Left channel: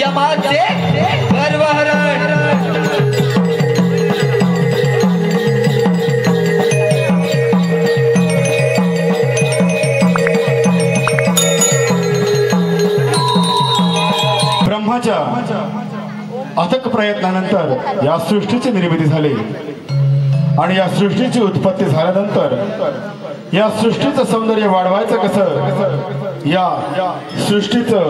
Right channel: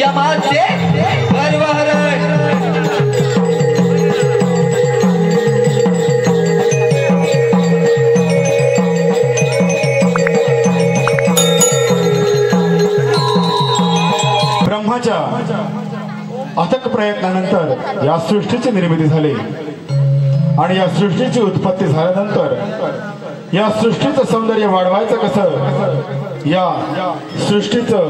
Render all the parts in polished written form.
यमाचे गर्वहरण। ब्रह्माच्या अथक प्रयत्नानंतर या सृष्टीची निर्मिती झाली आणि या सृष्टीची उत्पत्ती झाल्यानंतर या सृष्टीचं सौंदर्य वाढवायचं कसं, या सृष्टीचं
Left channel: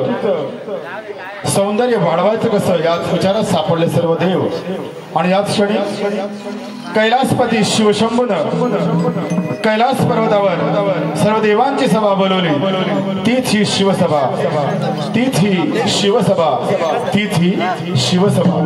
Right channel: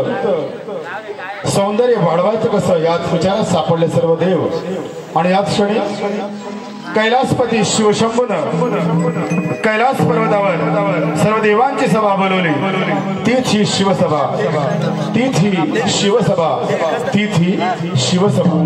सौंदर्य वाढवायचं कसं याच विचारात सापडले सर्व देव। आणि याच क्षणी कैलासपती शिवशंभूनं कैलास पर्वतावर सर्व देवांची सभा बोलवली। तीच ही शिवसभा, तीच ही शिवसभा, तीच ही शिवसभा।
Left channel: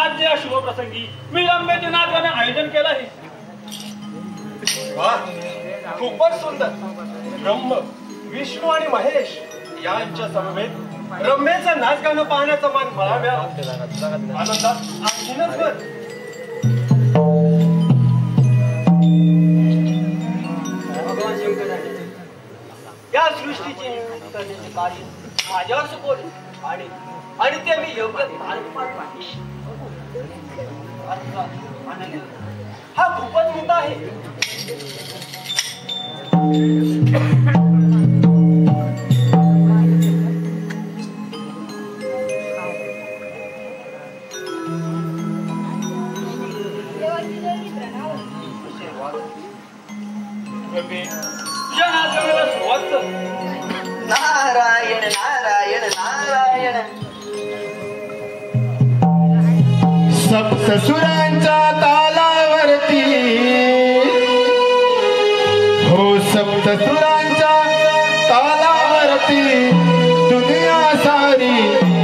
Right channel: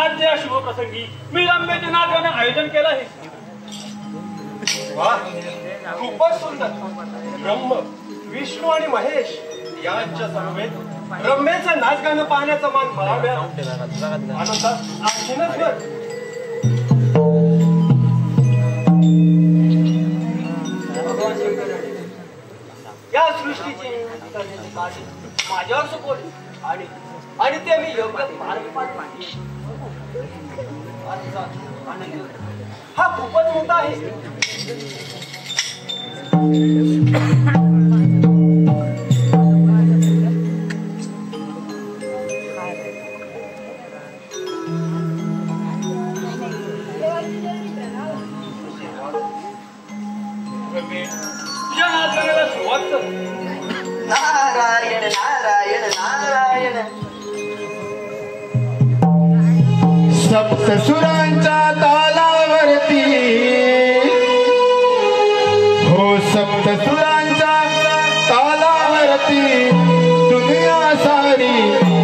आज या शुभप्रसंगी मी रम्याचे नाचगाणे आयोजन केलं आहे। खूपच सुंदर। ब्रह्म, विष्णू आणि महेश यांच्या समवेत रम्याचं नाचगाणं पाहण्याचं मन मला मिळालं। आनंदात आणखीनच भर। या सृष्टीची माझ्यावर सोपवली आणि ते मी योग्य हा खूपच मोठा आहे। नारायण सुरांच्या तालावरती हो सप्त सुरांच्या तालावरती दुनिया सारी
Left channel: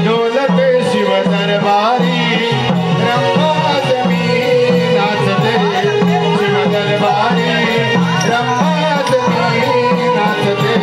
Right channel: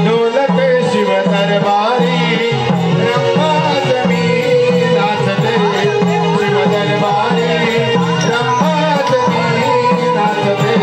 डोलते शिव दरबारी रंगात मी नाचते शिव दरबारी रंगात मी नाचते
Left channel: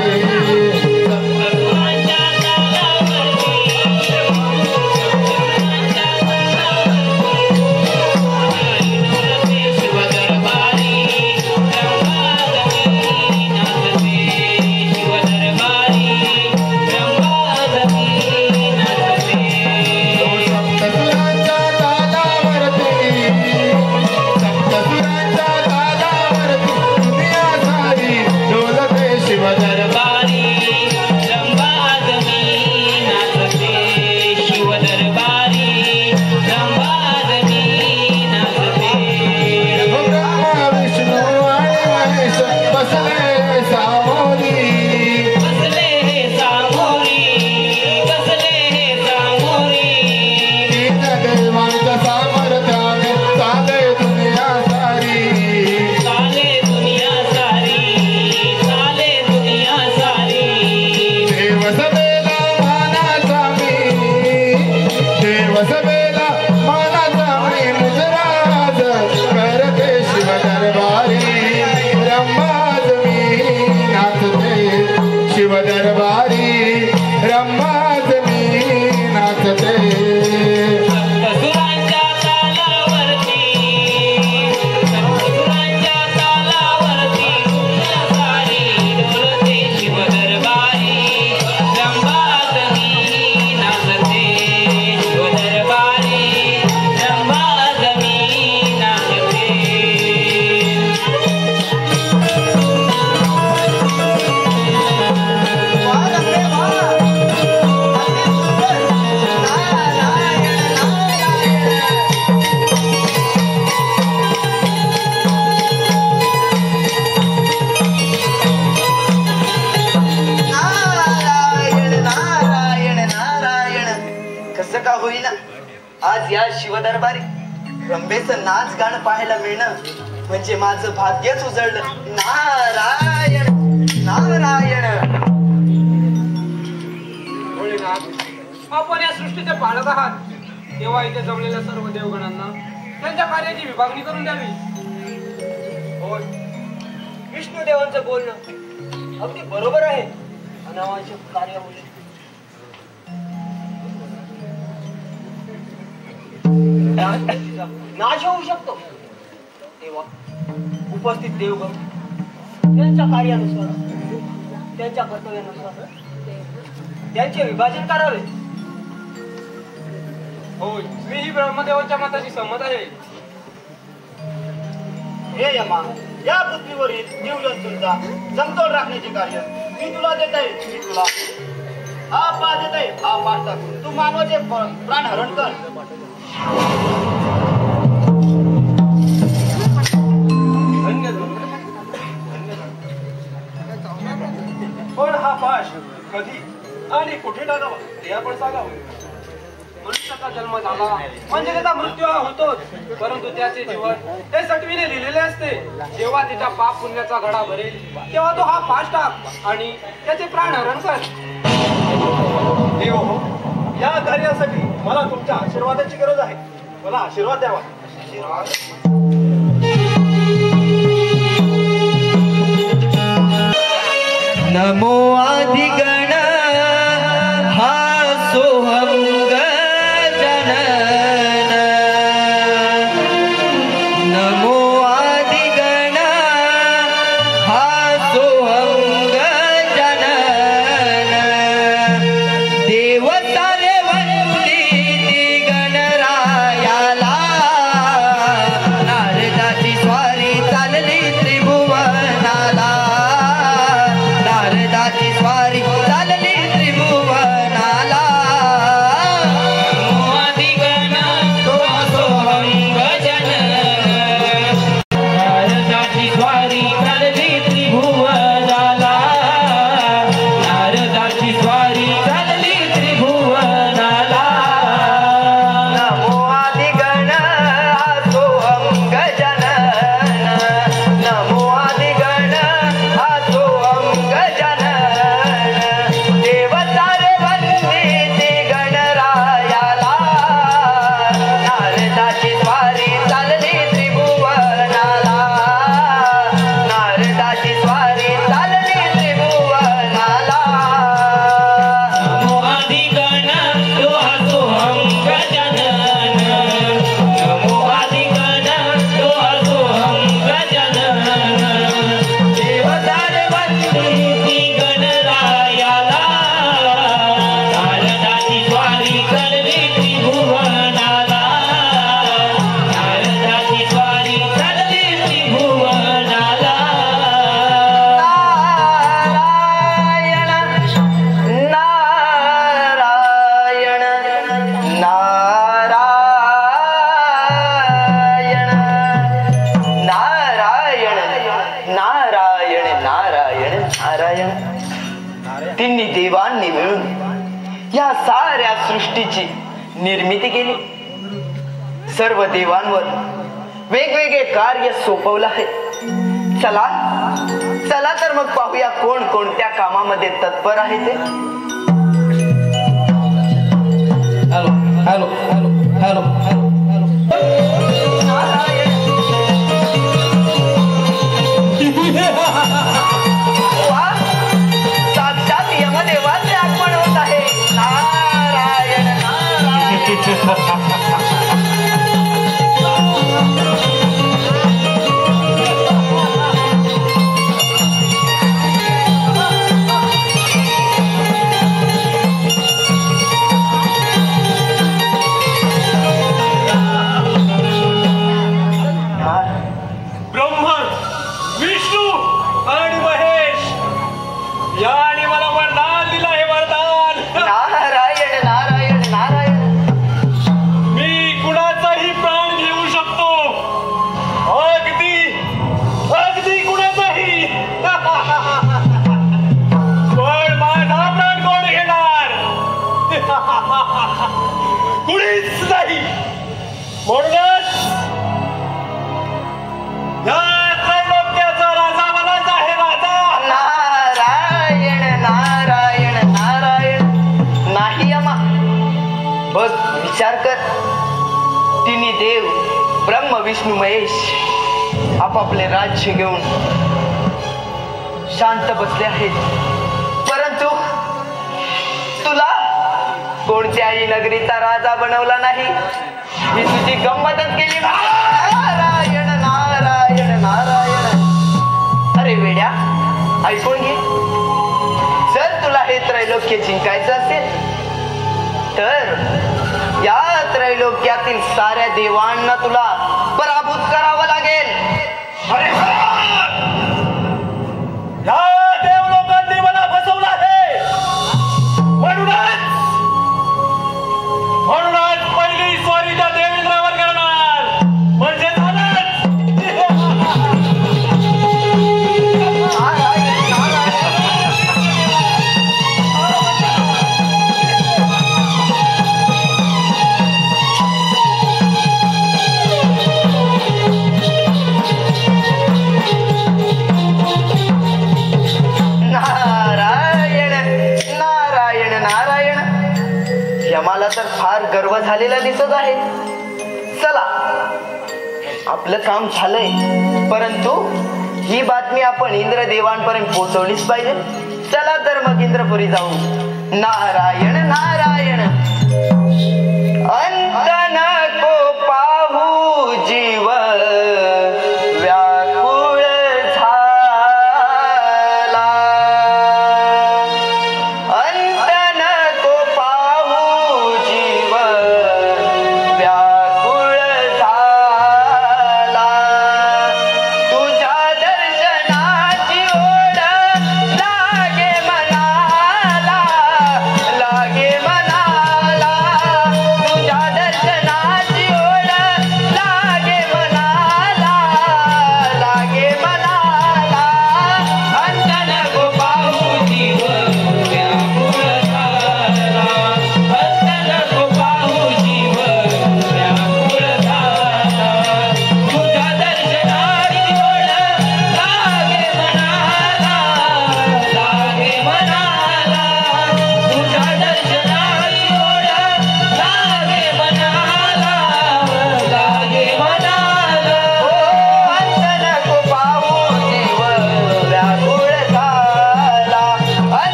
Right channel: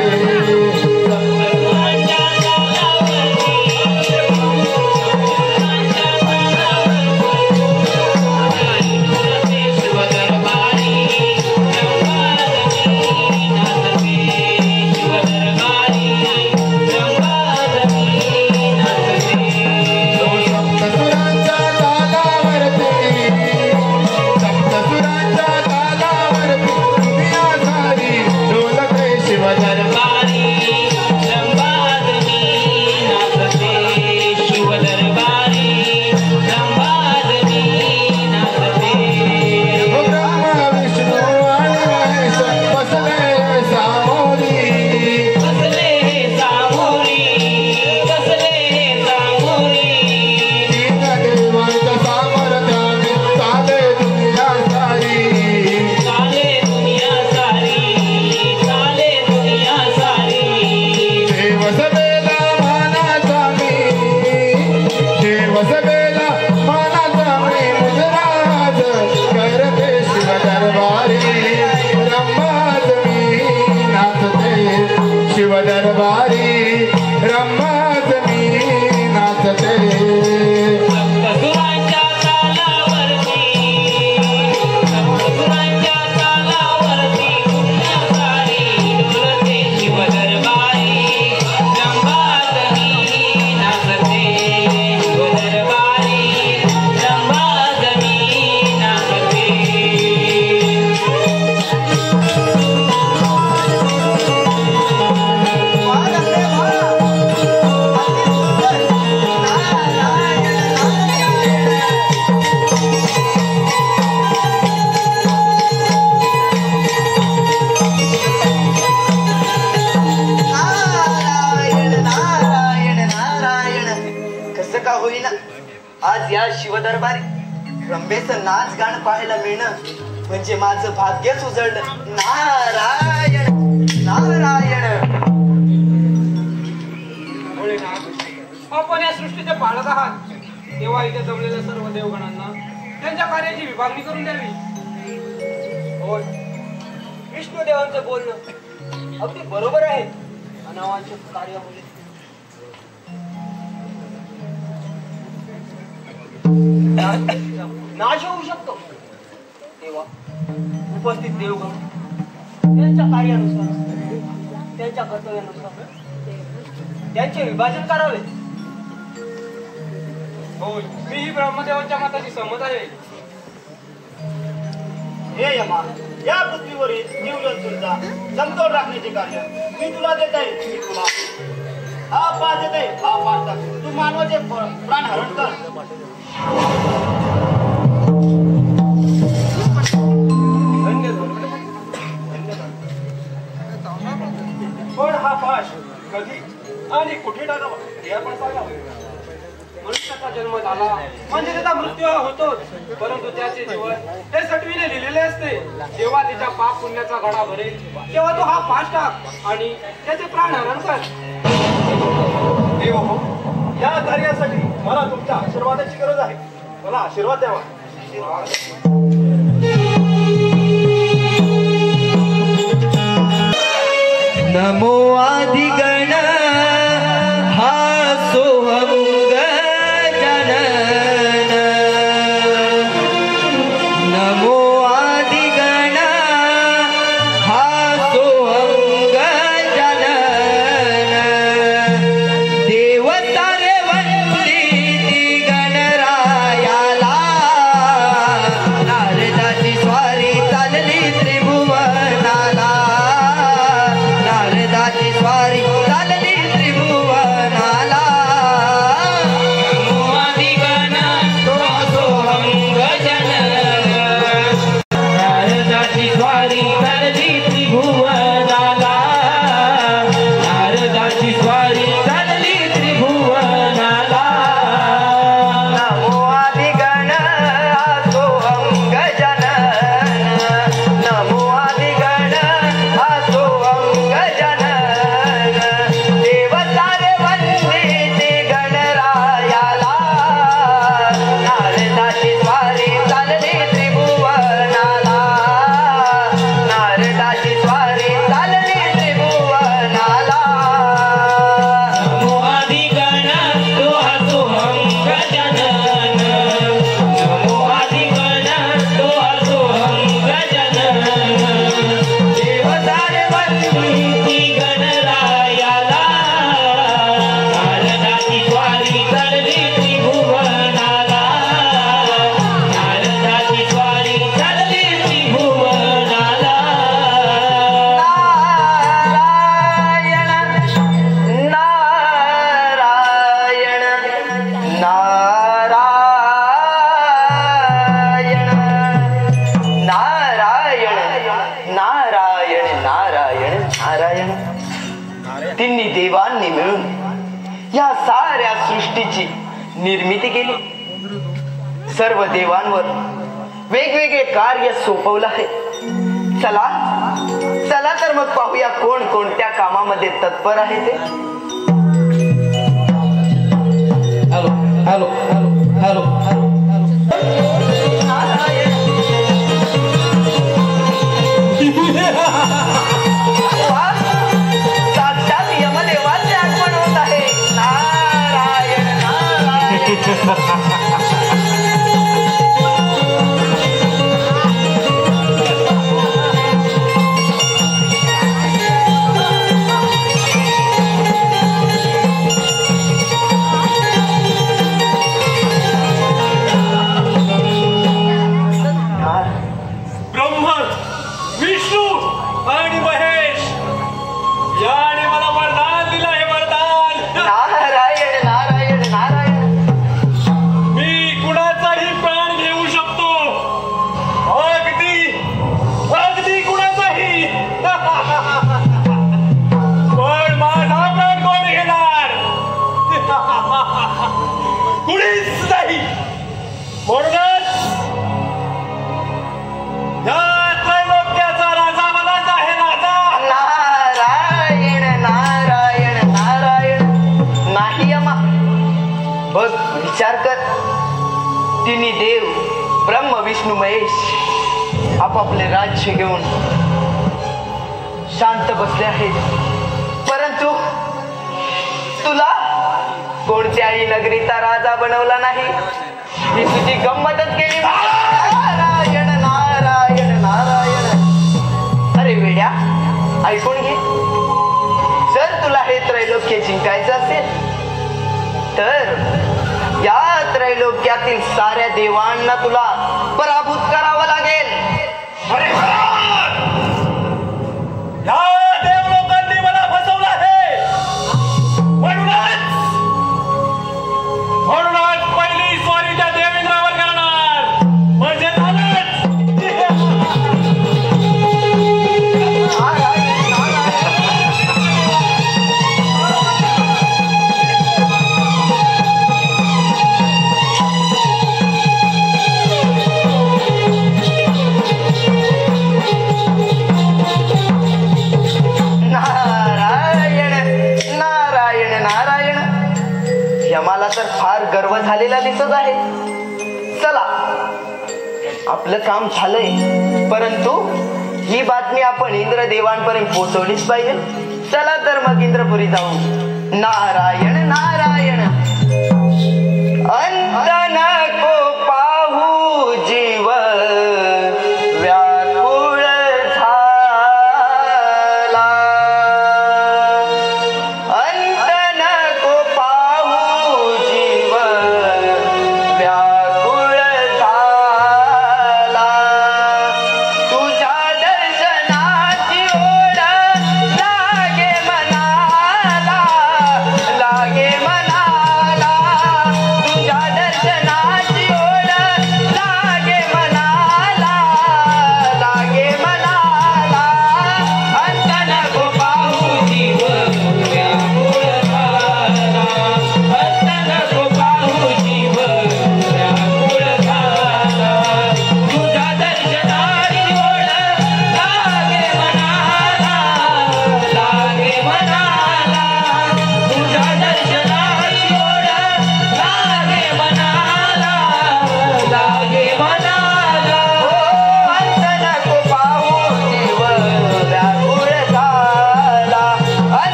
रंभेचं नाच गाणं पाहायला मिळणं म्हणजे माझं भाग्यच उजळलं. नारायण नारायण. आपण या सृष्टीचे पालक आहात तेव्हा इथे जमलेल्या सर्व देवगणांना त्यांच्या कार्याची विभागणी करून द्यावी. होय, विष्णुदेवांचं बोलणं अगदी बरोबर आहे. अनावांच्या कार्यामुळे नाश होऊ शकतो तेव्हा उपस्थित देवगण त्यांच्या कार्यानुसार त्यांच्या कर्तव्यानुसार त्यांचे विभाजन करावे. होय, मीही ब्रह्मदेवाच्या मताशी सहमत आहे. हे यमा, या पृथ्वीवरील जीवजंतूंचा समतोल राखण्याचे कार्य मी तुला देत आहे. मी तुला हा पास देत आहे. हा पास टाक. तू मानवाचे प्राण हरण कर. पण हा पाश कधी आणि कुठे टाकावा ते आपण सांगावे. मनुष्याचा जन्म झाला म्हणजे त्याचा मृत्यू हा होतोच, परंतु त्याचे जीवन ते सटवीने लिहिलेले असते. जेव्हा त्याच्या पाप पुण्याचा घडा भरेल तेव्हा तो हा पाश टाक आणि त्याचे प्राण हरण कर. देव हो, या कार्यासाठी मला तुमच्या आशीर्वादाची गरज आहे. मला आशीर्वाद द्यावा. नमो आदिगण हा सोहम गजानन. नमो आदिगण हा सोहम गजानन. देव सारे वंदिती गणरायाला. नारदाची स्वारी चालली त्रिभुवनाला. नारदाची स्वारी चालली तिन्ही देवांनी मिळून या साऱ्या सृष्टीची निर्मिती केली. सर्व देवांवर वेगवेगळे कार्य सोपवलं आहे. चला चला तर मग पाहूया कोण कोणत्या कामामध्ये तत्पर आहे ते. हॅलो हॅलो हॅलो हॅलो साक्षात यमदेवाचे आगमन होत आहे. नारायण नारायण. ब्रह्मा विष्णू आणि महेश याने मला वरदान दिलं. हे वरदान नारायण नारायण नारायण. मी कुणाचाही प्राण घेऊ शकतो. अगदी अगदी कुणाचाही. पण माझा प्राण कोण घेणार? कुणीच नाही. म्हणूनच या त्रैलोक्याचा राजा मलाच आहे. राजा नारायण नारायण नारायण. नाही यमा, बघ विचार कर. तिन्ही देव ब्रह्म विष्णू महेश आपापले राज्य घेऊन शांत बसले आहेत. परंतु तुला कोणत्याही नगरीचा राजा बनवला नाही. मी तुझी गंमतच केली. नारायण नारायण नारायण. अरे वेड्या, ऐकून घे. जर तुला हे त्रैलोक्य जिंकायचं असेल तर या त्रैलोक्यातील साऱ्या देवांना तुला पराभूत करावं लागेल. या देवलोकांनी मला फसवलं आहे. म्हणूनच पहिली स्वारी त्या देवेंद्रावर करणार. म्हणजे झालंच. नारायण नारायण नारायण. यमाला तर फार गर्व झालेला दिसत आहे. चला, आपलं काम झालंय. परंतु ही बातमी आपण इंद्रदेवांपर्यंत पोहोचवलीच पाहिजे. चला तर मग इंद्रपुरी जाऊ. नारायण नारायण. अंत नको पाहू जीव व्याकुळ झाला. अंत नको पाहू जीव व्याकुळ झाला. तुझ्या दर्शनाची ओढ लागे मनाला, लागे मनाला.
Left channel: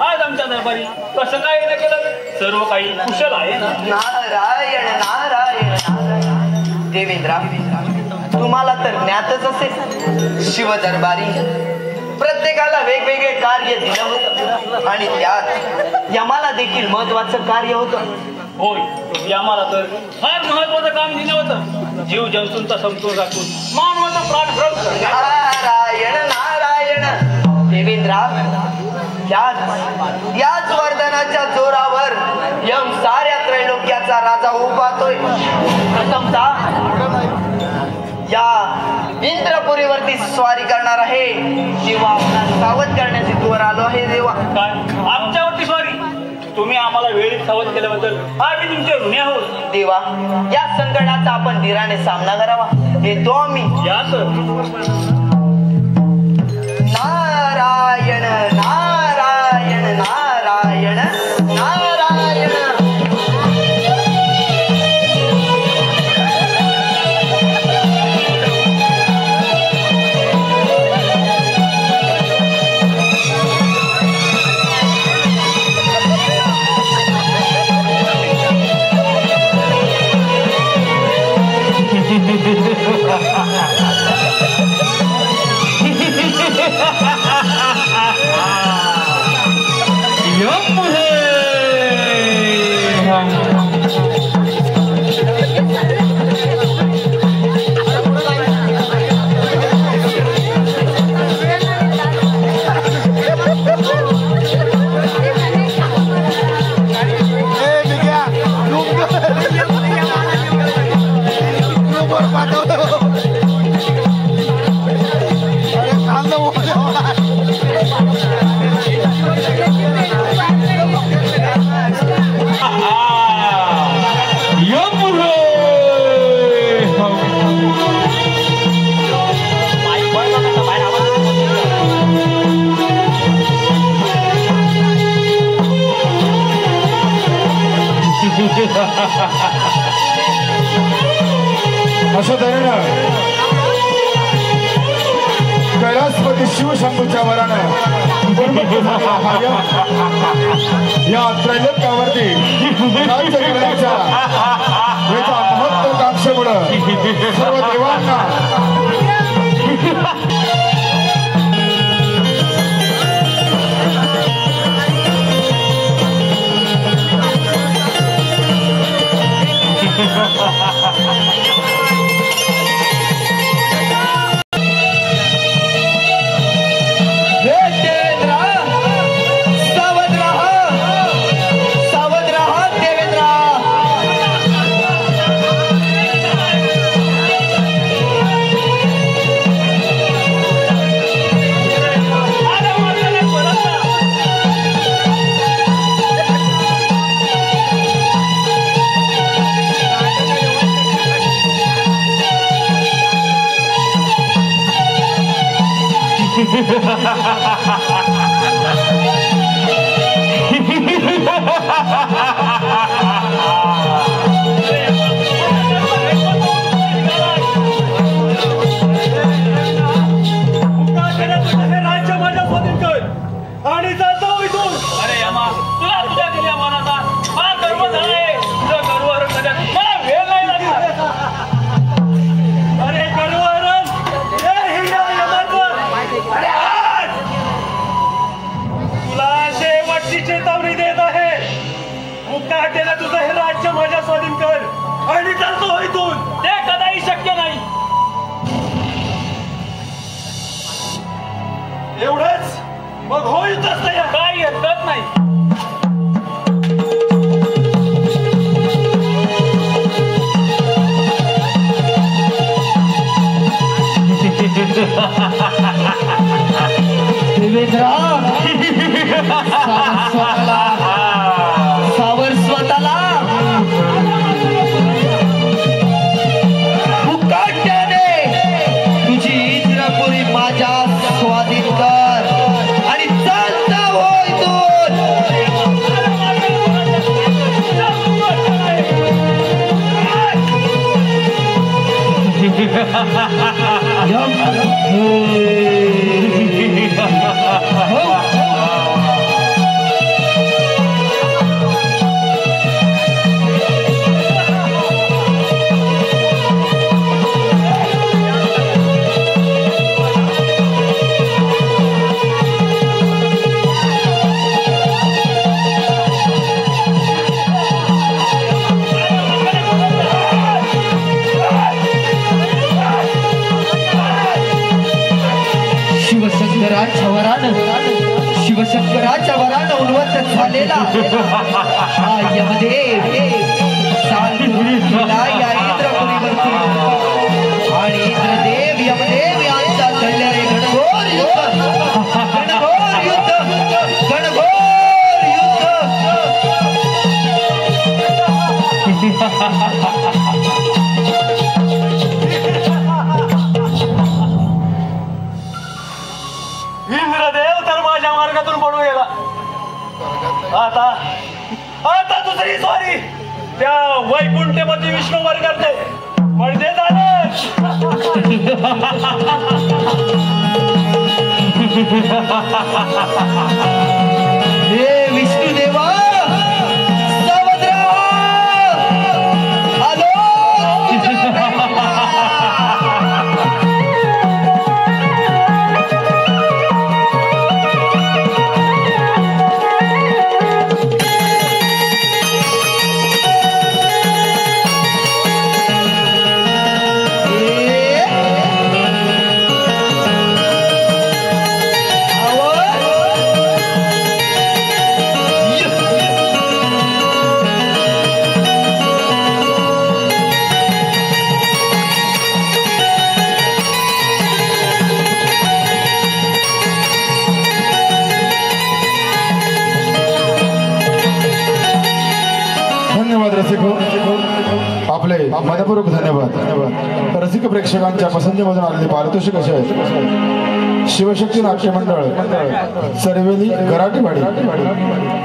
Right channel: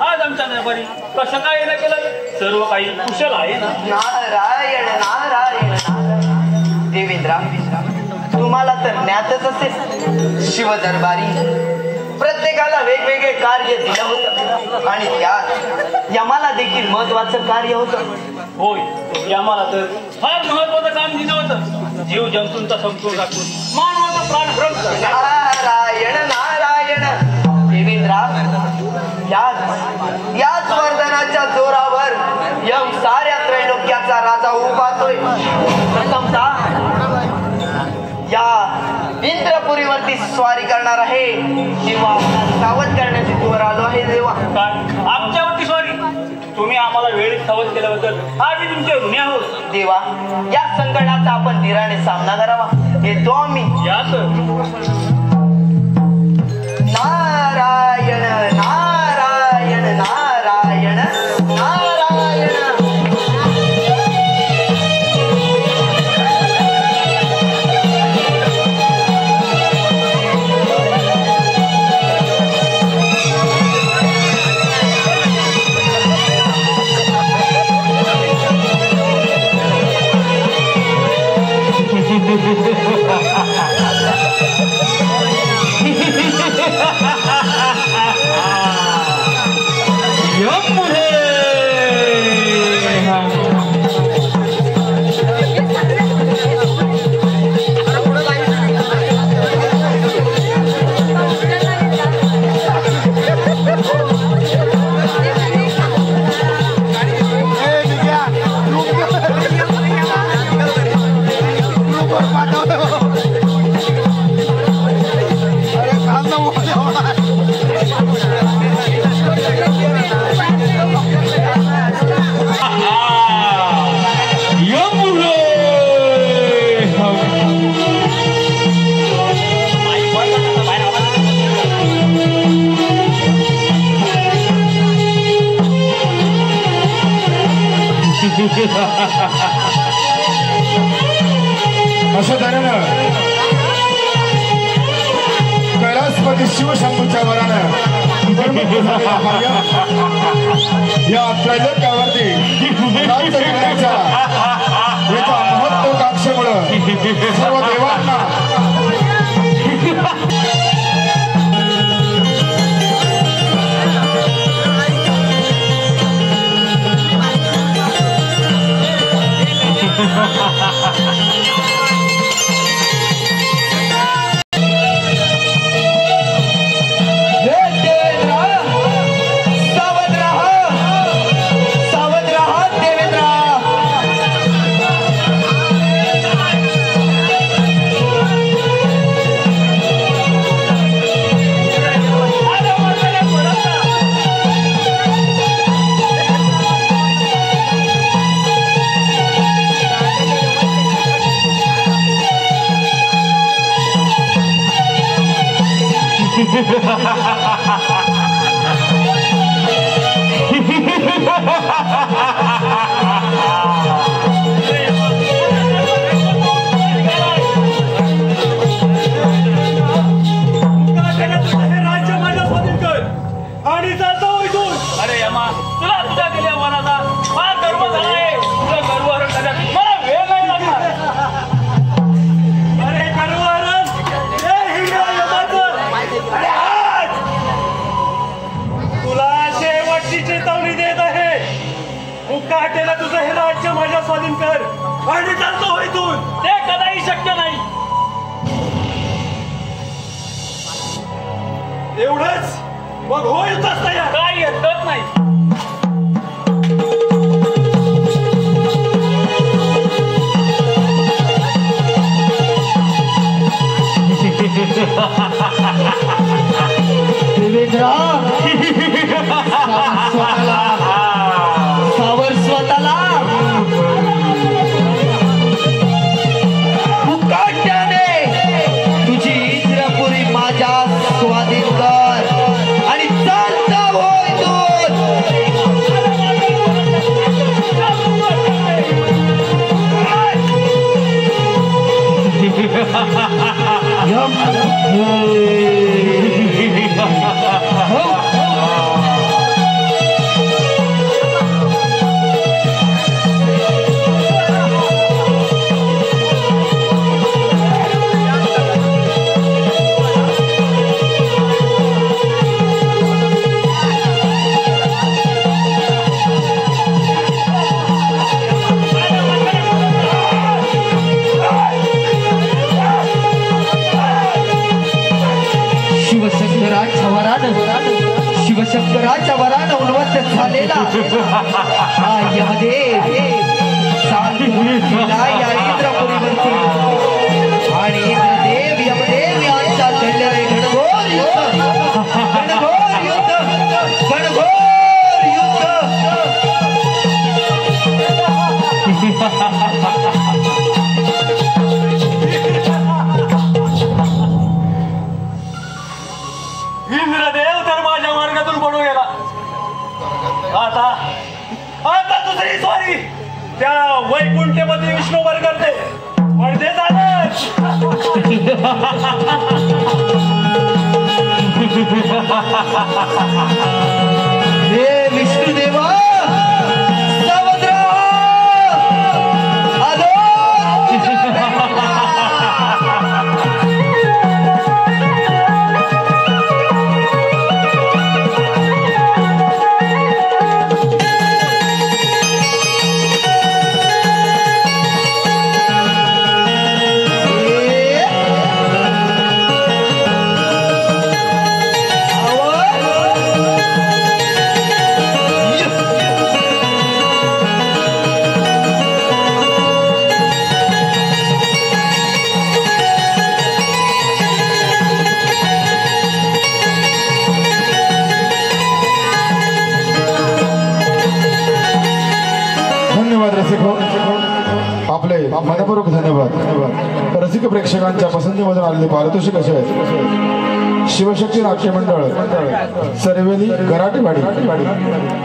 आज आमच्या दरबारी कसं काय येणं केलं? सर्व काही कुशल आहे ना? नारायण नारायण. देवेंद्रा, तुम्हाला तर ज्ञातच असेल, शिवदरबारी प्रत्येकाला वेगवेगळे कार्य दिलं होतं आणि त्यात यमाला देखील महत्वाचं कार्य होतं. होय, यमाला तर फार महत्वाचं काम दिलं होतं. जीव जंतूंचा समतोल राखून मानवाचा प्राण हरण. नारायण नारायण. देवेंद्रा, याच वरदानाच्या जोरावर यम साऱ्या त्रैलोक्याचा राजा उभारतोय. या इंद्रपुरीवरती स्वारी करणार आहे तेव्हा सावध करण्याची जोर आलो आहे देवा. आमच्यावरती स्वारी? तुम्ही आम्हाला वेळीच सावध केल्याबद्दल आम्ही तुमचे ऋणी आहोत. देवा, या संकटाचा आपण धीराने सामना करावा येतो आम्ही. नारायण नारायण नारायण नारायण. अशा तऱ्हेनं कैलासपती शिवशंभूच्या वरानं या त्रैलोक्यावरती राज्य करण्याच्या याच्या महत्वाकांक्षेमुळं सर्व देवांना राज्य माझ्या स्वाधीन कर आणि जातो इथून. अरे यमा, तुला तुझ्या दिल्या मनाचा मला गर्व झाला आहे. तुझं गर्वहरण करण्यात मला वेळ नाही लागणार. अरे गर्वहरण हे हिंगळा यमाचं. अरे आज तुला शेवटची चेतावणी देत आहे. मुकाट्याला तुझं हे राज्य माझ्या स्वाधीन कर आणि जातो इथून. ते कदाही शक्य नाही. एवढंच मग हो युद्धच तयार. काही हरकत नाही. देवेंद्र सावर स्वतःला मुकाट्याने तुझी इंद्रपुरी माझ्या स्वाधीन कर आणि चालता हो इथून. शिवशंकराच्या वरानं उन्मत्त झालेला यमदेव या इंद्रपुरीवरती आणि इंद्रदेव यमदेव यांच्या घडलेले घनघोर युद्ध इंद्रदेव तर माझ्या मार्गातून पडून गेला. आता दुसरी स्वारी त्या वैकुंठपती विष्णूवर करते. पण ते झालं. हे विष्णुदेवा सावत्र आलो. आपले मनपूर्वक धन्यवाद. रसिक प्रेक्षकांच्या पसंतीमधून आलेले पारितोषिक असे आहेत. शिवशक्ती नाट्य मंडळ चरवेली गराटेवाडी,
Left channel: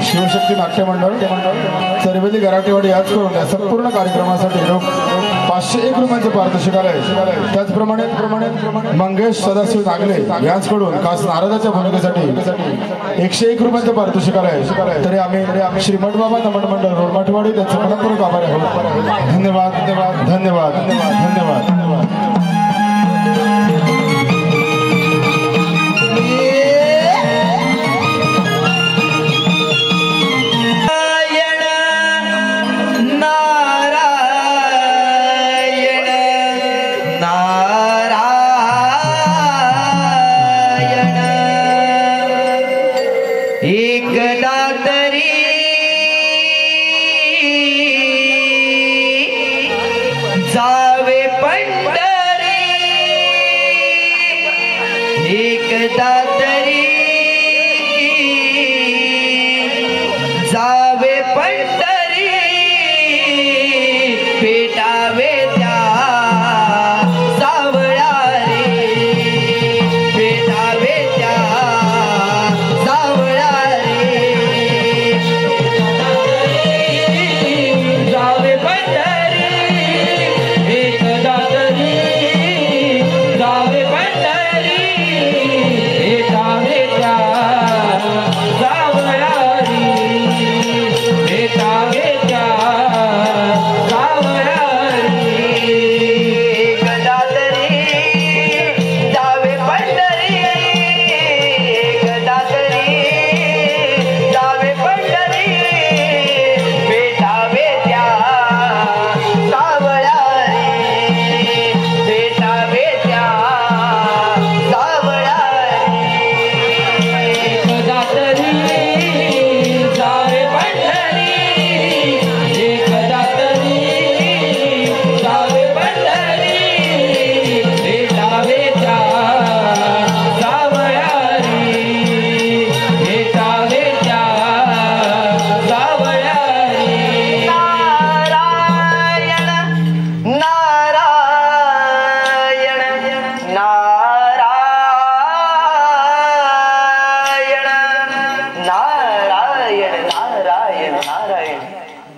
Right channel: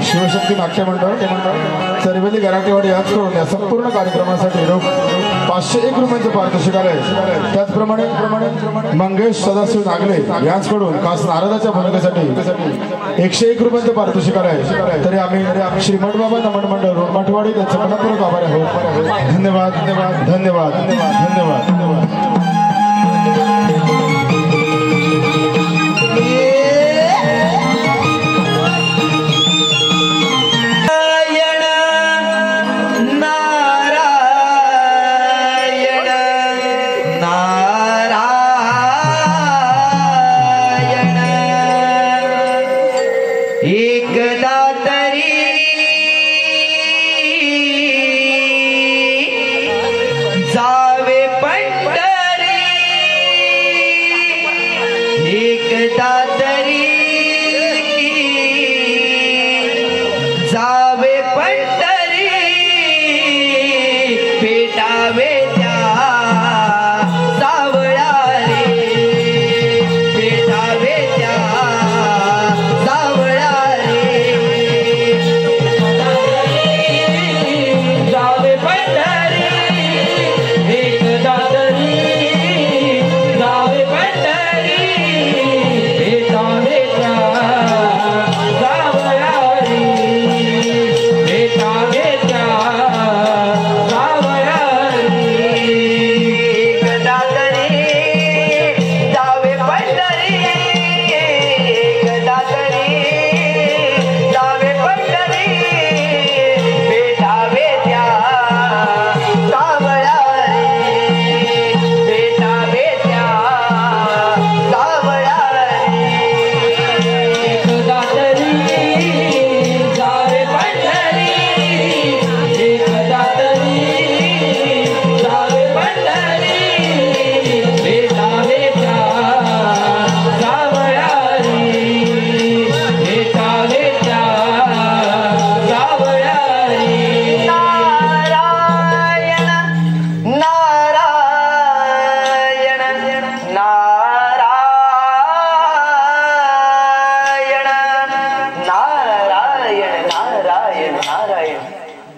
शिवशक्ती नाट्य मंडळ चरवेली गराटेवाडी याच करून या संपूर्ण कार्यक्रमासाठी 501 रुपयांचं पारितोषिक आलंय. त्याचप्रमाणे मंगेश सदाशिव नागले यांचकडून खास नारदाच्या भूमिकेसाठी 101 रुपयांचं पारितोषिक आलंय. तरी आम्ही श्रीमठ बाबा नमन मंडळ रोडमाठवाडी त्यांचे मनपूर्वक आभारी आहोत. धन्यवाद धन्यवाद धन्यवाद धन्यवाद धन्यवाद. एकदा तरी जावे पंढरी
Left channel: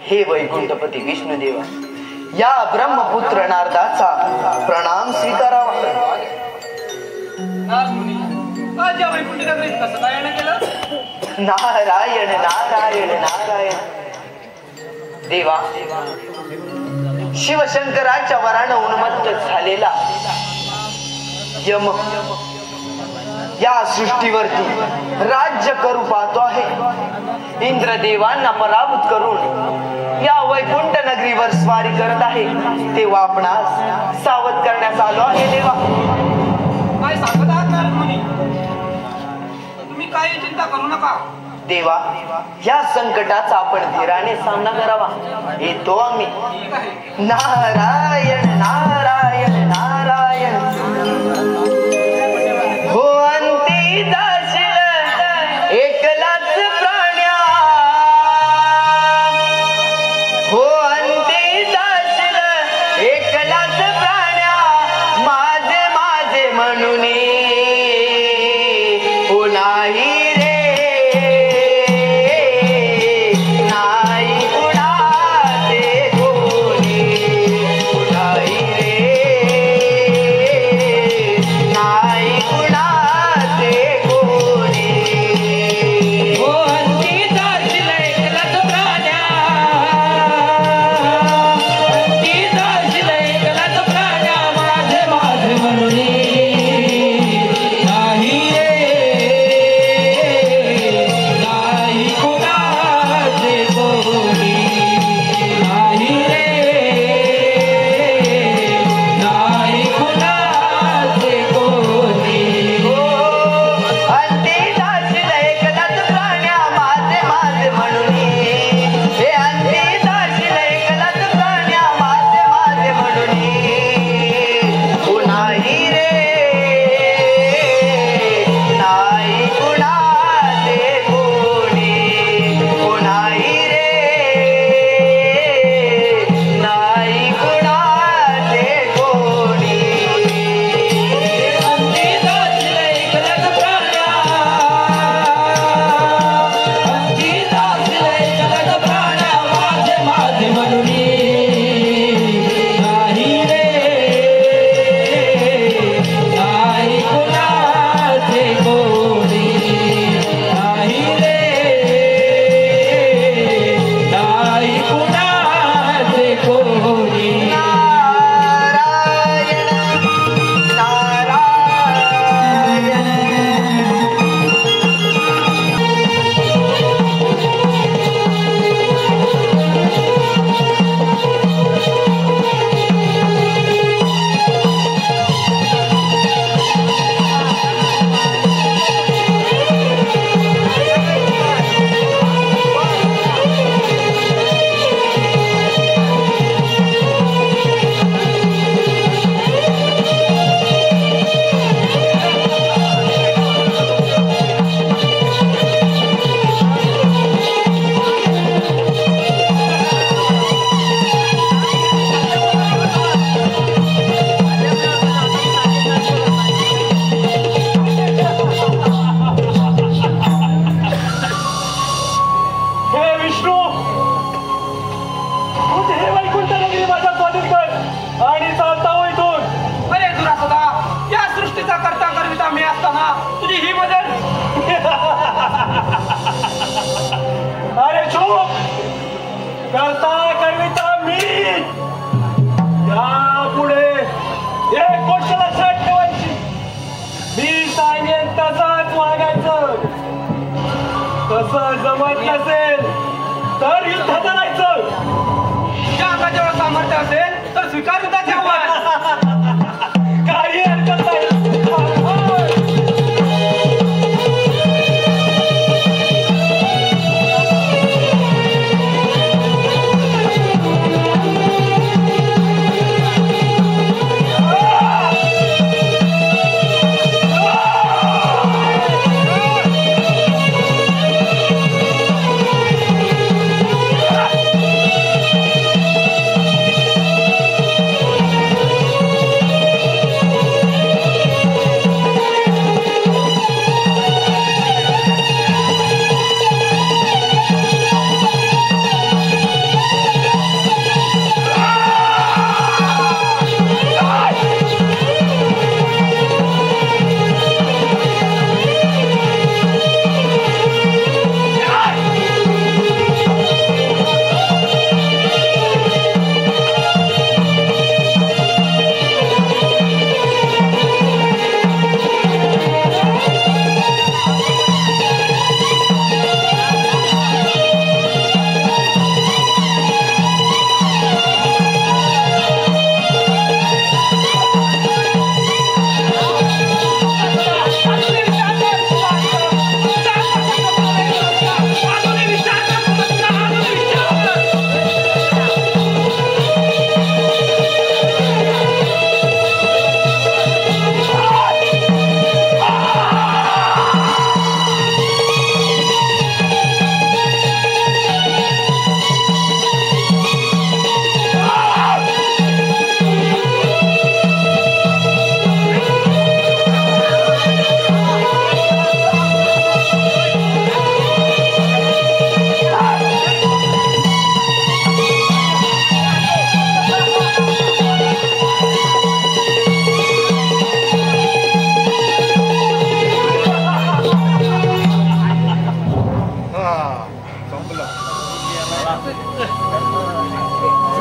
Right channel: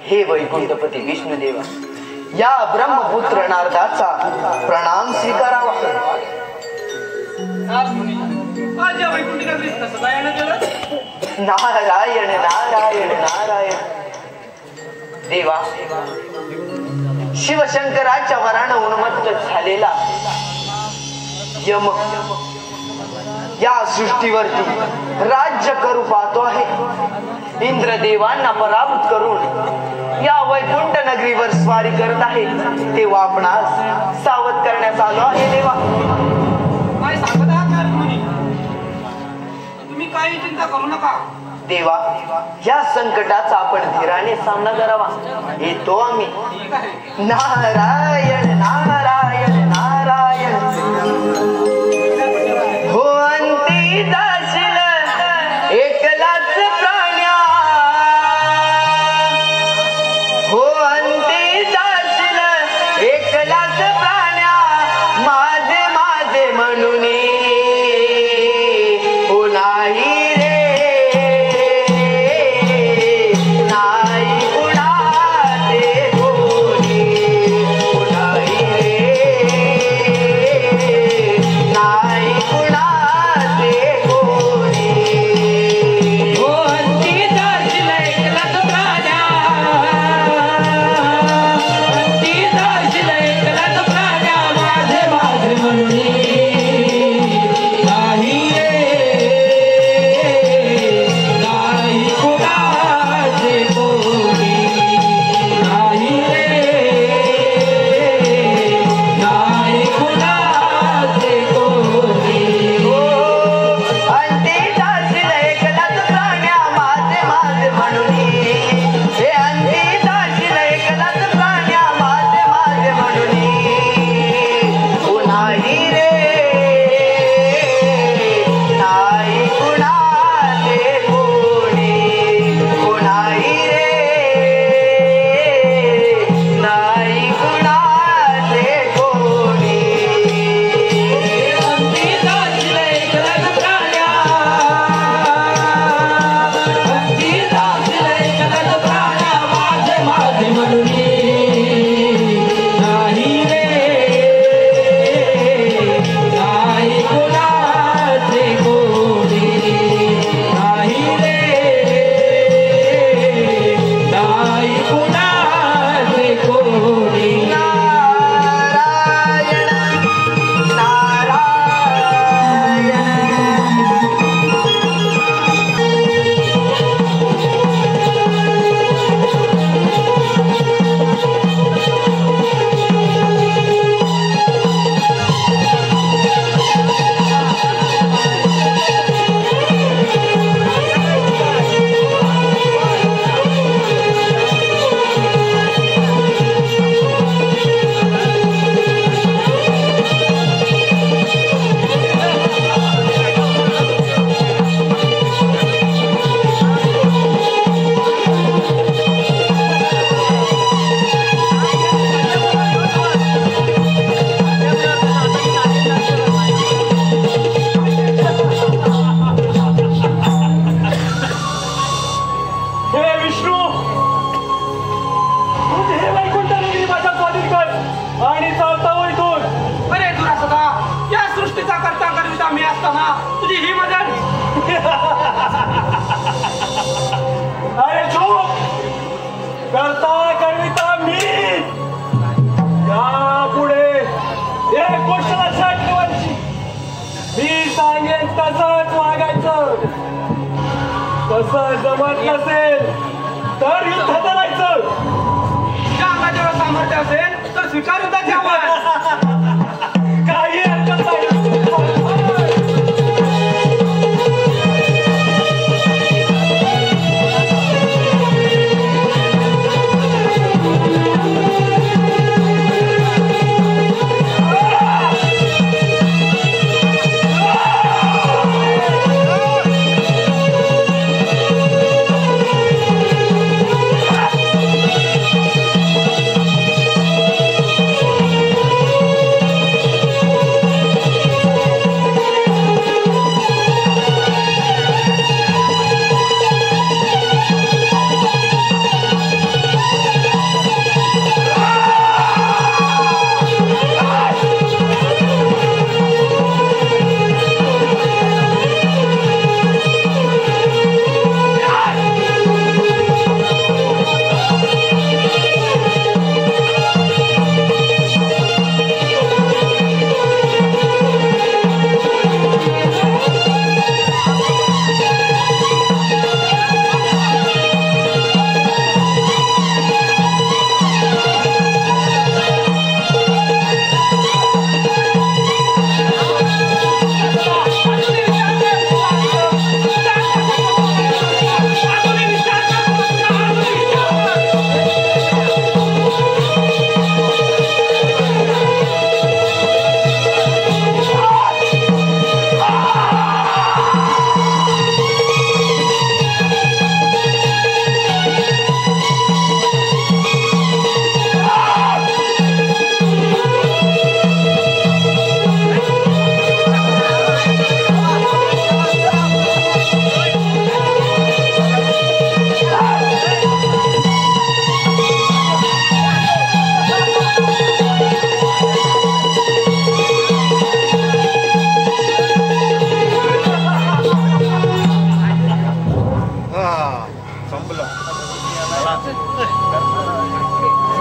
हे वैकुंठपती विष्णुदेवा, या ब्रह्मपुत्र नारदाचा प्रणाम स्वीकारावा. आज या वैकुंठ नगरीत कसं काय येणं केलं? नारायण नारायण नारायण. देवा, शिवशंकराच्या वरानं उन्मत्त झालेला यम या सृष्टीवरती राज्य करू पाहतो आहे. इंद्रदेवांना पराभूत करून या वैकुंठ नगरीवर स्वारी करत आहे. तेव्हा आपणास सावध करण्यात आलो आहे. देवा, काय सांगत आहात का तुम्ही? तुम्ही काही चिंता करू नका. देवा, या संकटाचा आपण धीराने सामना करावा. येतो आम्ही. ठीक आहे. नारायण नारायण नारायण. हो अंती जाशील एकलाच प्राण्या, हो अंती जाशील एकलाच प्राण्या, माझे माझे म्हणून हो नाही रे. तसं जमत नसेल तर युद्धात जायचं. ज्या राजावर सामर्थ्य असेल तर स्वीकार युद्धाचे आव्हान. काही हरकत नाही.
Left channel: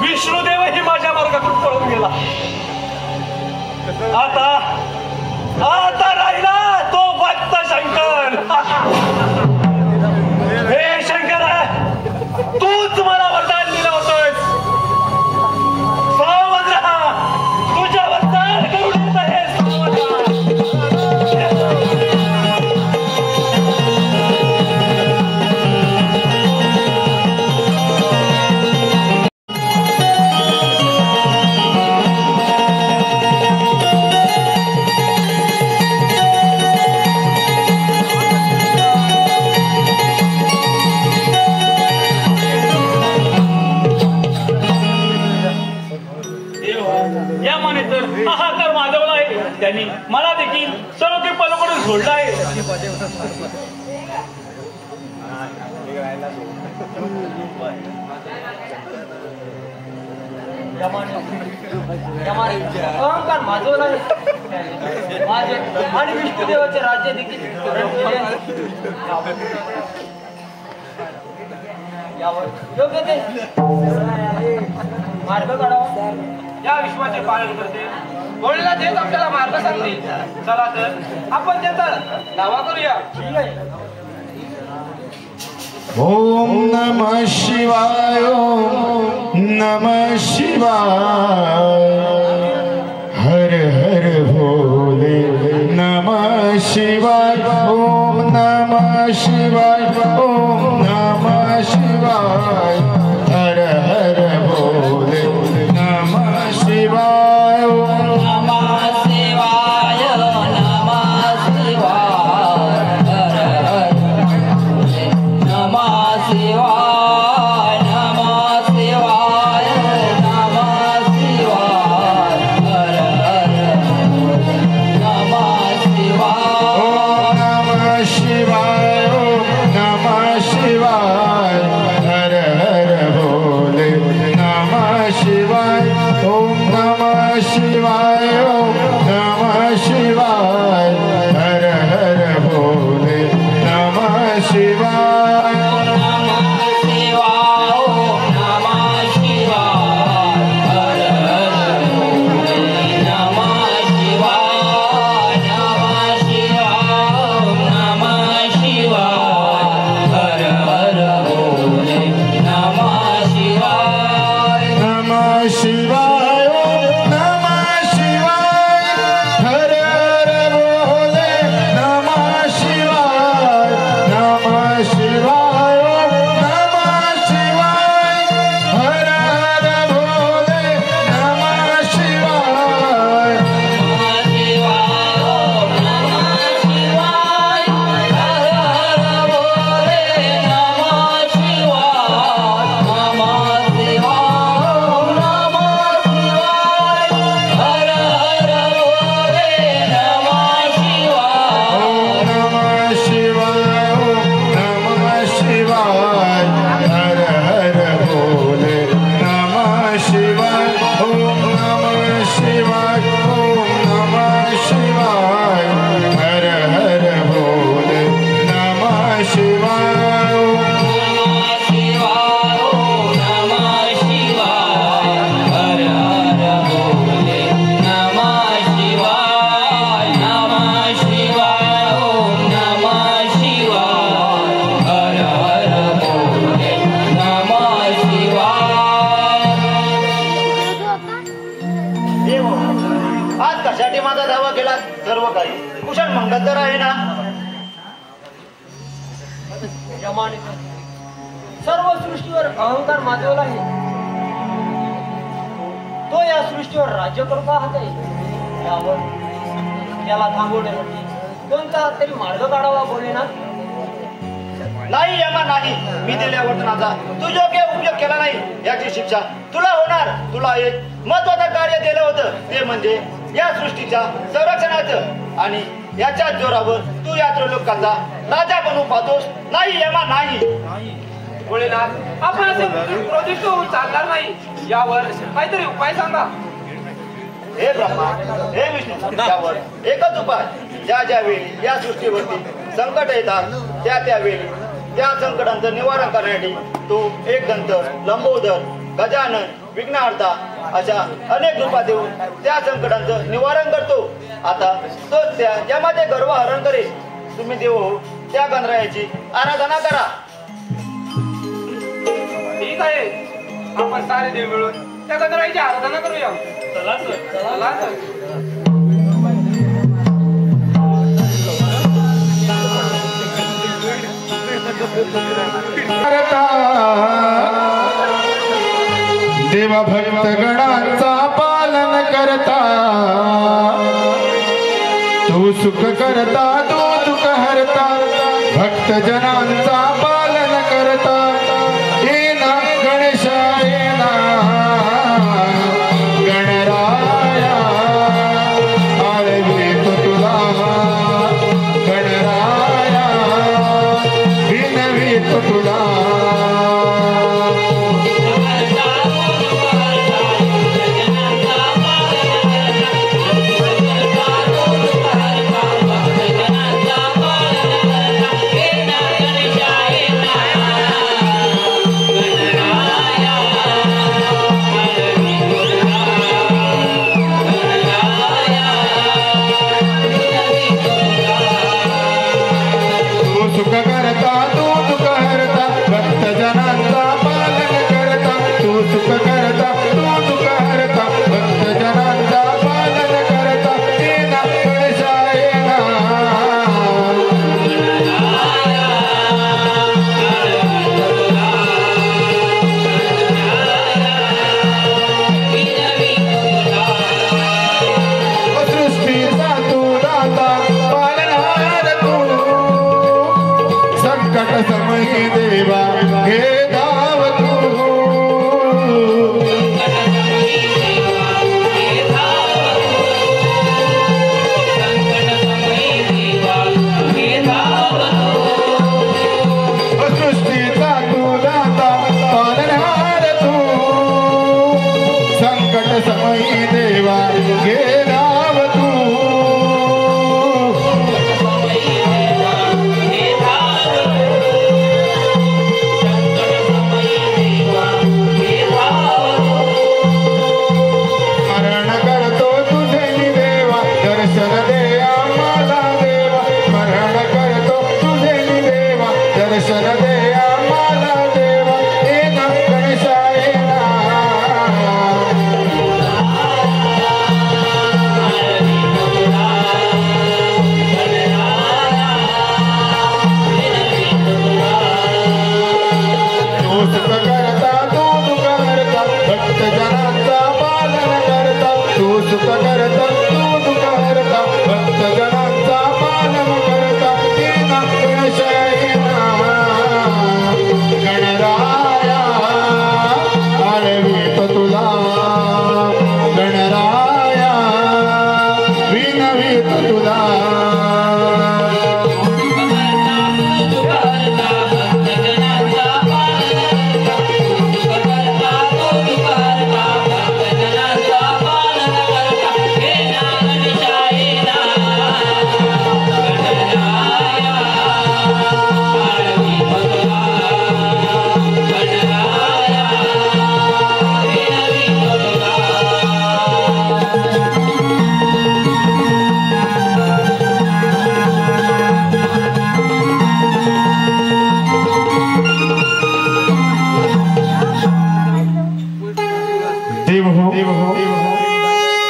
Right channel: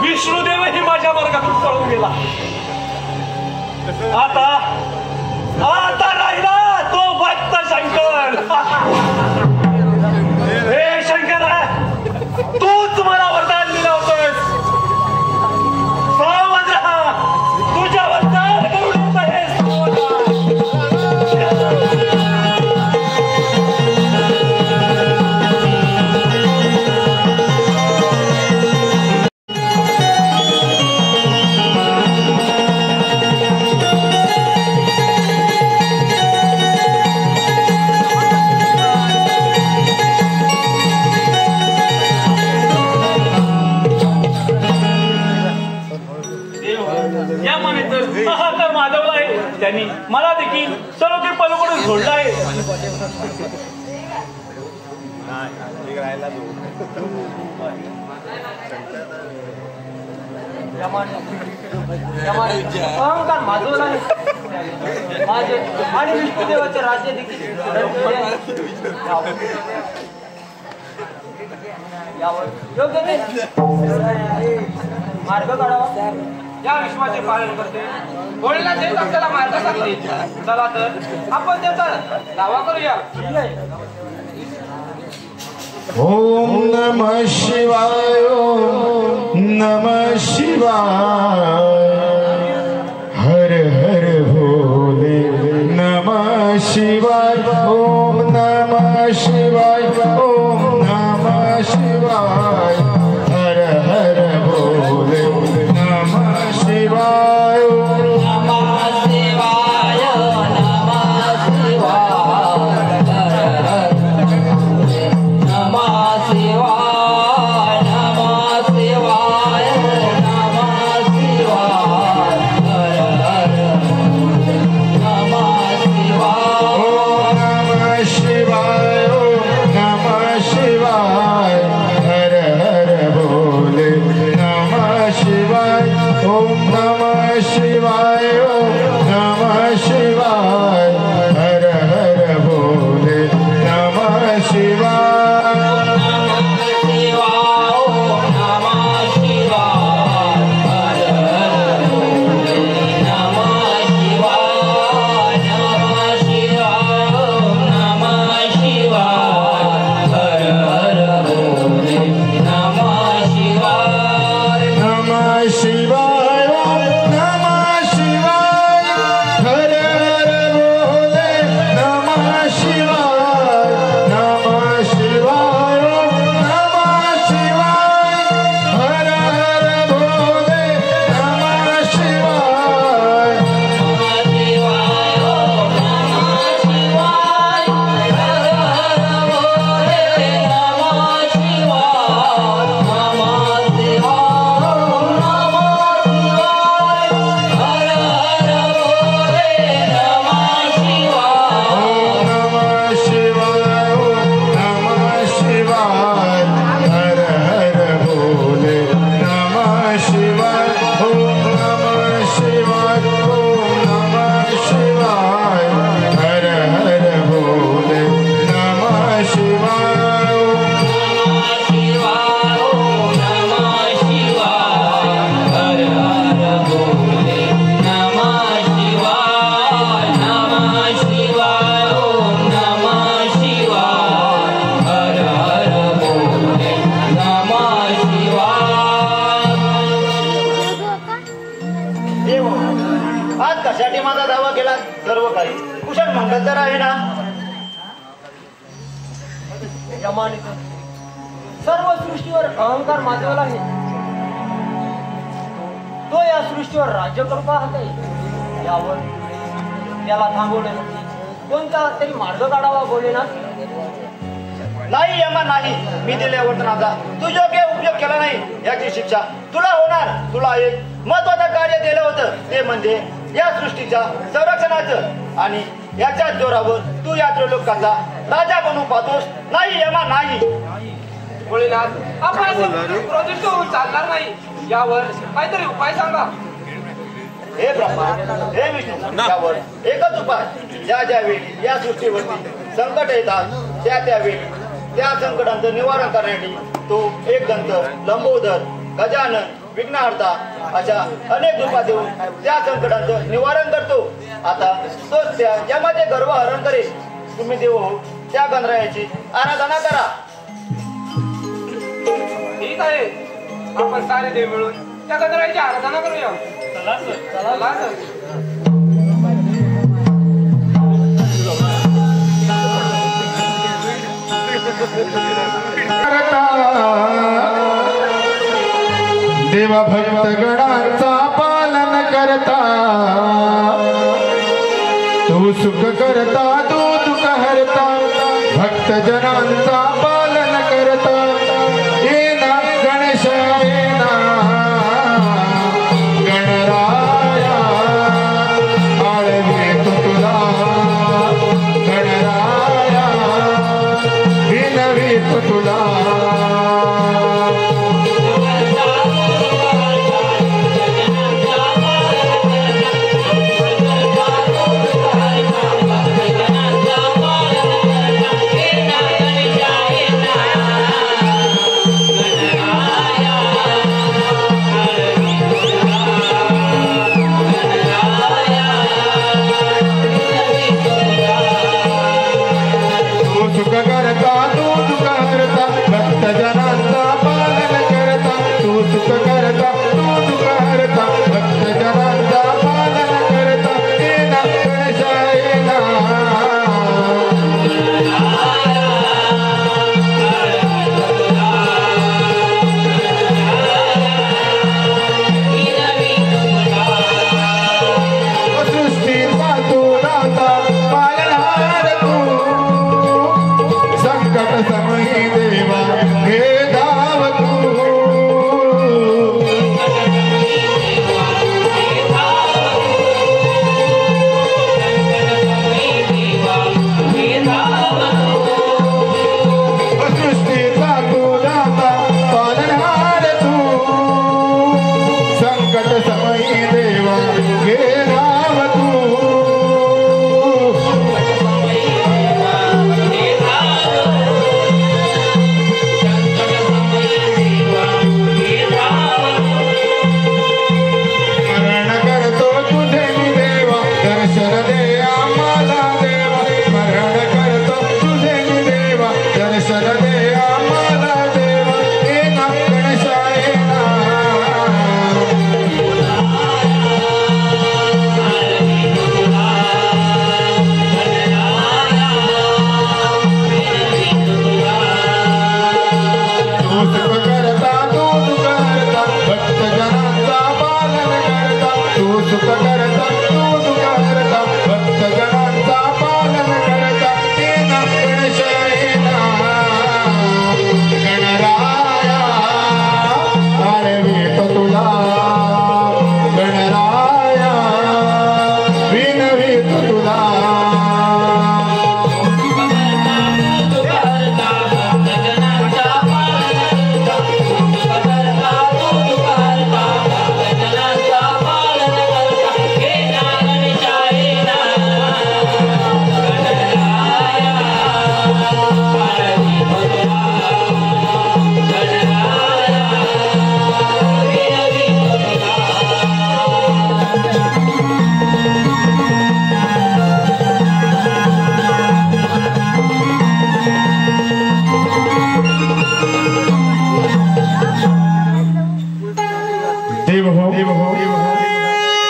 विष्णुदेवही माझ्या वर्गातून पळून गेला. आता राहिला तो भक्त शंकर. हे शंकर, तूच मला वरदान दिलं होतंस. सावध राहा, तुझ्या वरदान करून येत आहे. त्यांनी मला देखील सर्व काही पलीकडून सोडलं आहे. अहंकार माझं नाही, माझे आणि विष्णुदेवाचे राज्य देखील योग्य ते मार्ग काढावा. या विश्वाचे पालन करते गोळीला देत आपल्याला मार्ग सांगते. चला तर आपण त्याचा दावा करूया. ओम नमः शिवाय, ओम नमः शिवाय, हर हर भोले नमः शिवाय, ओम नमः शिवाय, ओम नमः शिवाय, हर हर भोले नमः शिवाय, ओम नमः शिवाय, नमः शिवाय, हर हर सर्व सृष्टीवर अहंकार माजवला आहे. तो या सृष्टीवर राज्य करतो आहे. यावर त्याला थांबवणे कोणता तरी मार्ग काढावा. बोलेना नाही यमा नाही, मी दिल्या वर्तनाचा तू योग्य उपयोग केला नाही याची शिक्षा तुला होणार. तुला एक महत्वाचं कार्य दिलं होतं, ते म्हणजे या सृष्टीच्या संरक्षणाचं, आणि याच्या जोरावर तू या त्रिलोकाचा राजा बनवून पाहतोस. नाही यमा नाही. भोलेनाथ, आपण असे क्रोधित होऊन चालणार नाही. यावर काहीतरी उपाय सांगा. हे ब्रह्मा, हे विष्णू, यावर एकच उपाय. ज्या ज्या वेळी या सृष्टीवरती संकट येतात त्या वेळी त्या संकटांचं निवारण करण्यासाठी तू एक दंत, लंबोदर, गजानन, विघ्नहर्ता अशा अनेक रूपात देऊन त्या संकटांचं निवारण करतो. आता तोच त्या यमाचे गर्व हरण करेल. तुम्ही देव हो त्या गणरायाची आराधना करा. ठीक आहे, आपण सारे देव मिळून त्या गणरायाची आराधना करूया. चला तर. देवा भक्त गणाचा पालन करता, तू सुख करता, तू दुःख हरता, भक्त जनांचा पालन करता. येना गणेशा येना गणराया, आळवीतो तुला गणराया, विनवीतो तुला.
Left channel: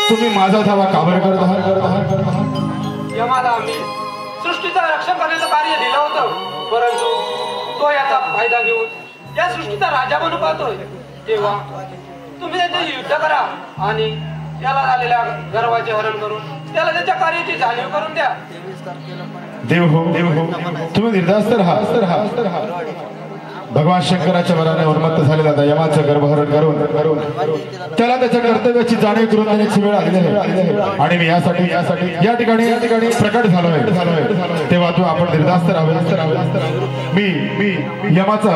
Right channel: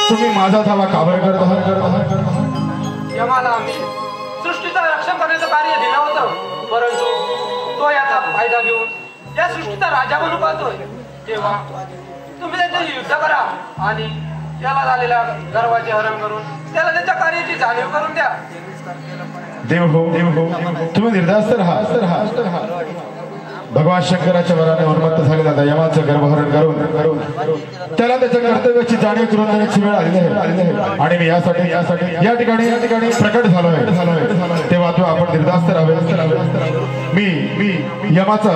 तुम्ही माझा धावा काबर करत यमाला आम्ही सृष्टीचं रक्षण करण्याचं कार्य दिलं होतं, परंतु तो याचा फायदा घेऊन या सृष्टीचा राजा बनू पाहतोय. तेव्हा तुम्ही त्याचे युद्ध करा आणि त्याला झालेल्या गर्वाचे हरण करून त्याला त्याच्या कार्याची जाणीव करून द्या. देव हो तुम्ही निर्धास्त राहा. भगवान शंकराच्या वराने उन्मत्त झालेला यमाचं गर्भहरण करून त्याला त्याच्या कर्तव्याची जाणीव करून देण्याची वेळ आलेली आहे आणि मी यासाठी या ठिकाणी प्रकट झालो आहे. तेव्हा तू आपण निर्धास्त राहावे. मी यमाचा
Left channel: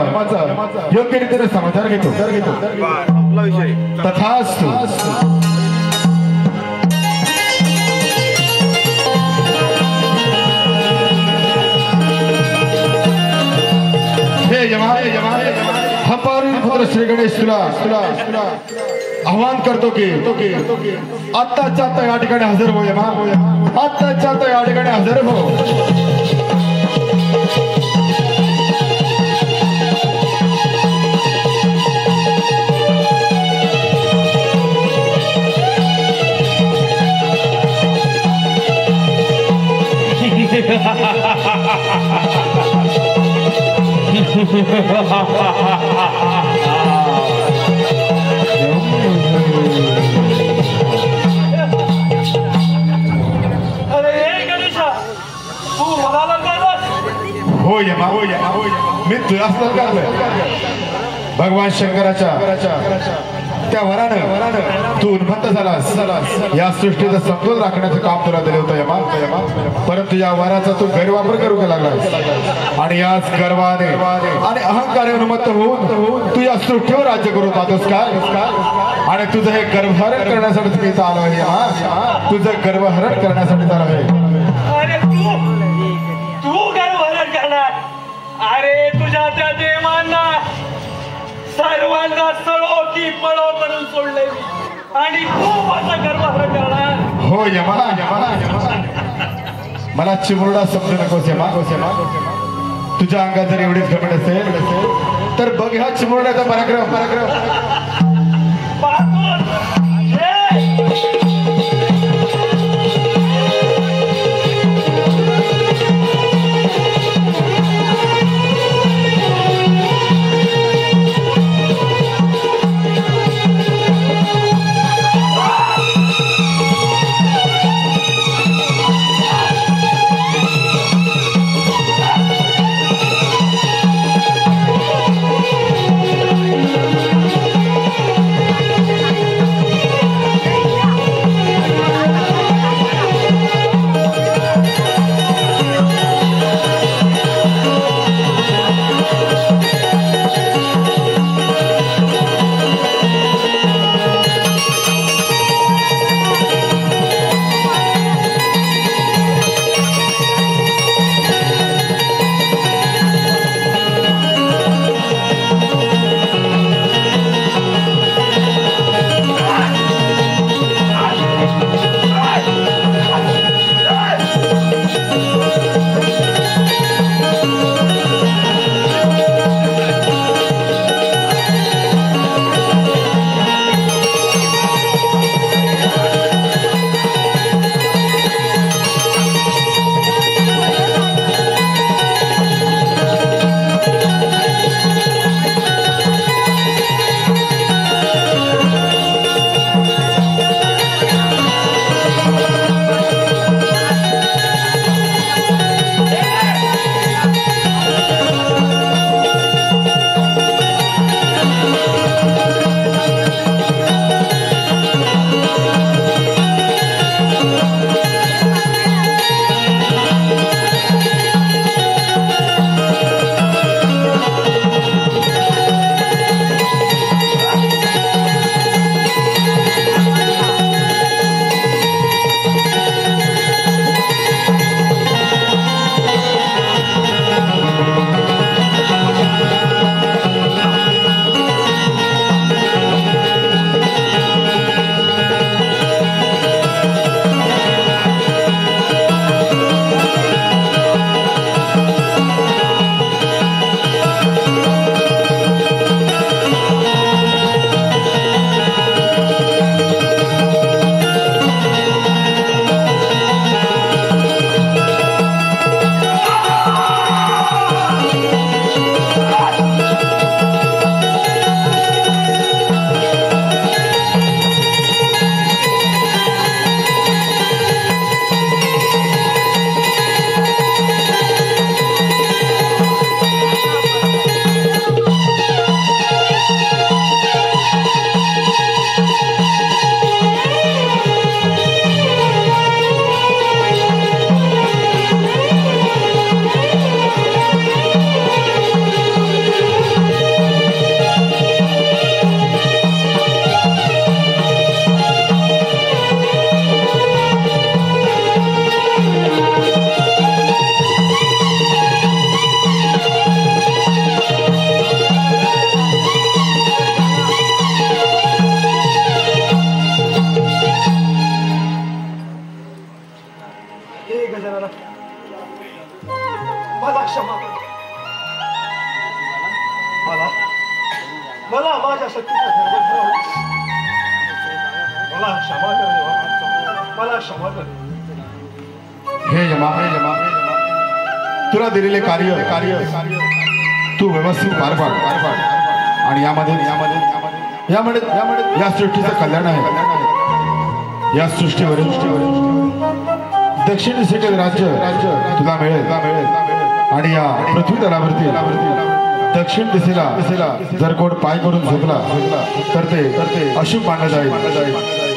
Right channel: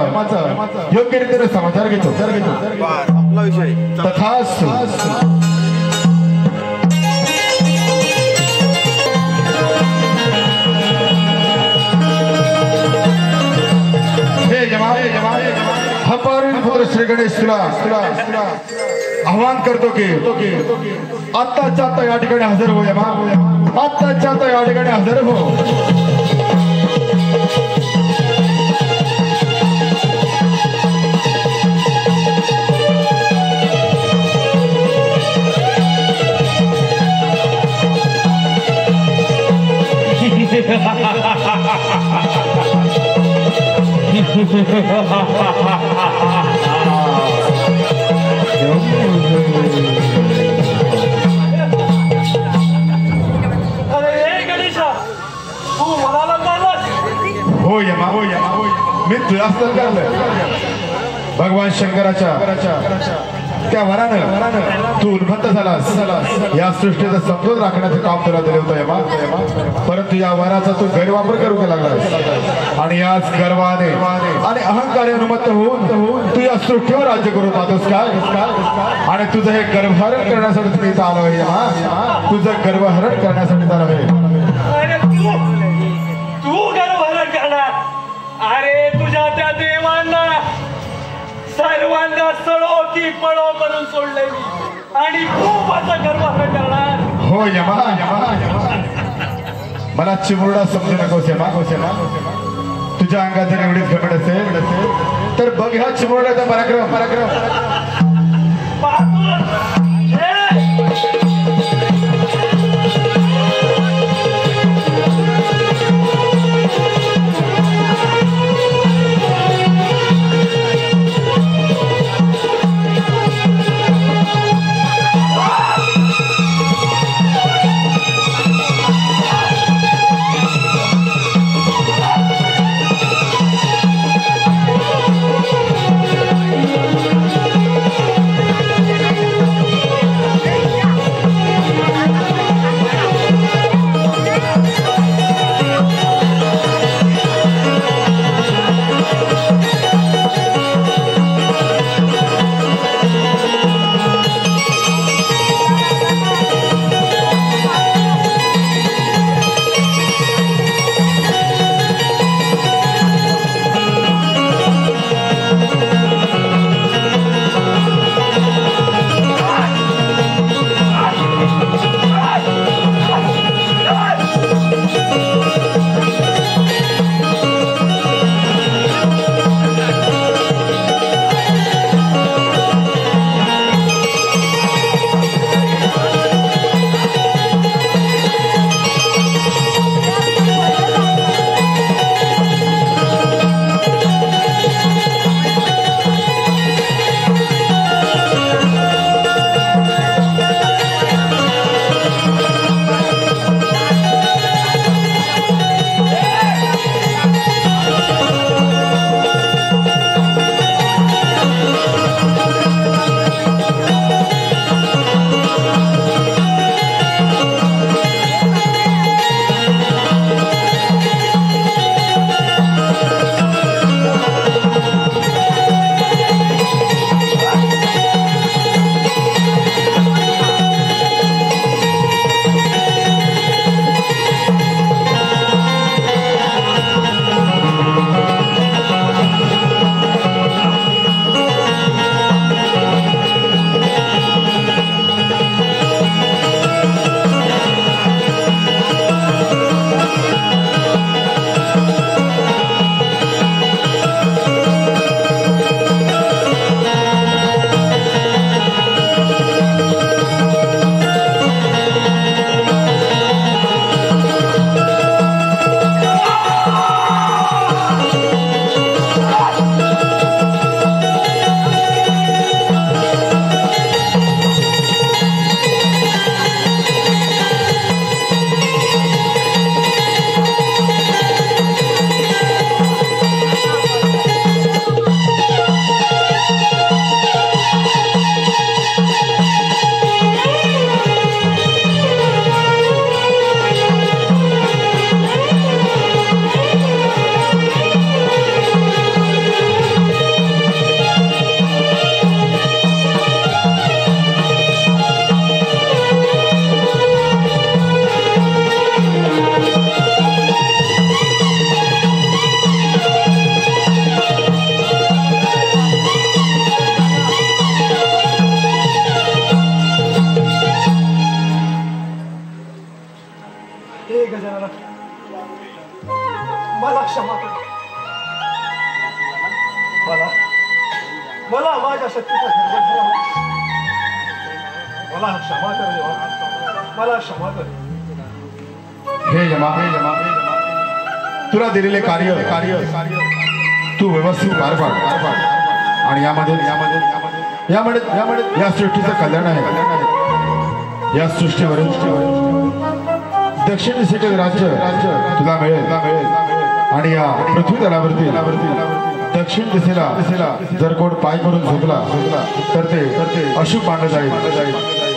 योग्य रीतीने समाचार घेतो. तथास्तु. श्री गणेश तुला आव्हान करतो की आत्ताच्या आता या ठिकाणी हजर हो यमा, आत्ताच्या आता या ठिकाणी हजर हो. मी तुला भगवान शंकराच्या त्या वरानं तू उन्मत्त झालास. या सृष्टीचा समतोल राखण्याचं काम तुला दिलं होतं यमा, परंतु या वराचा तू गैरवापर करू लागलास आणि याच गर्वाने आणि अहंकारे उन्मत्त होऊन तू या सृष्टीवर राज्य करू पाहतोस का? आणि तुझं हे गर्भहरण करण्यासाठी तुम्ही इथं आलो आहे यमा, तुझं गर्भहरण करण्यासाठी आलो आहे. अरे तुझ्या त्या देवांना सर्वांना सळो की पळो करून सोडले आणि खूप असं गर्वहरण करणार. हो यमा, मला चिमुरडा समजू नकोस यमा. तुझ्या अंगात जर एवढीच घमंड असेल तर बघ ह्या चिमुरड्याचा पराक्रम. मला क्षमा कर. हे यमा तुला दिलेले कार्य तू व्यवस्थित पार पाड आणि यामध्ये या सृष्टीचं कल्याण आहे. या सृष्टीवर दक्षिण दिशेकडे राज्य तुला मिळेल आणि या पृथ्वी तलावरती दक्षिण दिशेला जर कोण पाय करून झोपला तर ते अशुभ मानलं जाईल.